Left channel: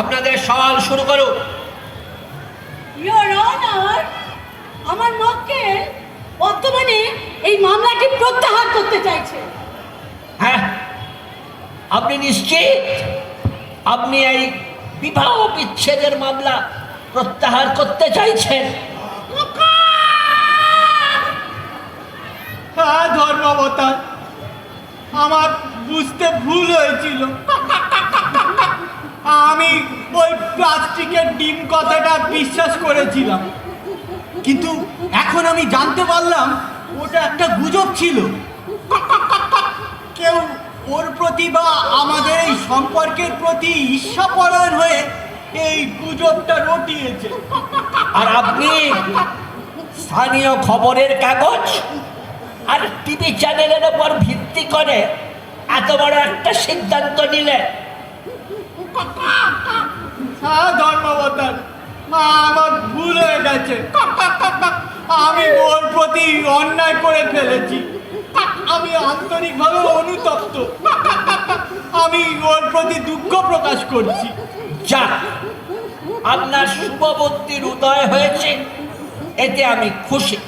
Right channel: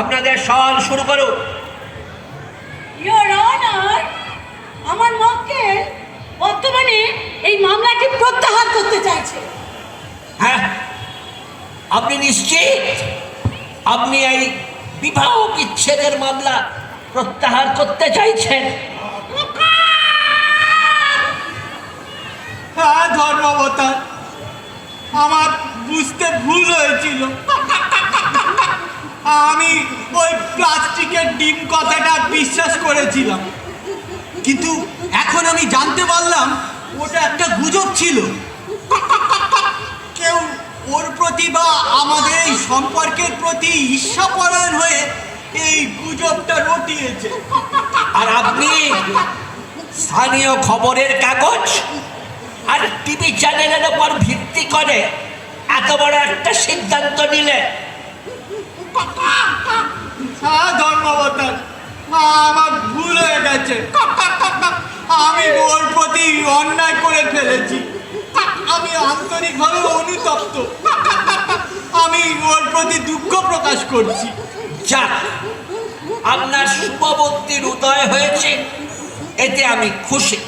আপনাদের সওয়াল শুরু করুন। ইওর অনার আমার মক্কেল বর্তমানে এই মামলাটি প্রত্যাহার করতে চাইছে। হ্যাঁ আপনি নিশ্চিত? আপনি এই বিবাহ বিচ্ছেদের মামলা প্রত্যাহার করতে চাইছেন। হ্যাঁ ধর্মাবতার আমার বুঝতে ভুল হয়েছিল। আমি ওই প্লাস্টিকের ডিম কথাটা বিশ্বাস করেছিলাম। কিন্তু এখন আমি জানতে পারলাম, ওটা একটা গুজব ছিল। কেউ ওর প্রতি বা আমাদের এই সম্পর্কের প্রতি ঈর্ষাপরায়ণ হয়ে এই গুজবটা রটিয়েছে। আর আপনি স্থানীয় খবরের কাগজ আর টিভি চ্যানেলের উপর ভিত্তি করে এত বড় একটা সিদ্ধান্ত নিলে। হ্যাঁ ধর্মাবতার আমার ভুল হয়ে গেছে। আমি ওর প্রতি অন্যায় করে ফেলেছি। আমি আন্তরিকভাবে অনুতপ্ত। আমি ওর প্রতি দুঃখ প্রকাশ করছি। যাক আপনার শুভবর্তীর উদয় হয়েছে এতে আমি খুশি।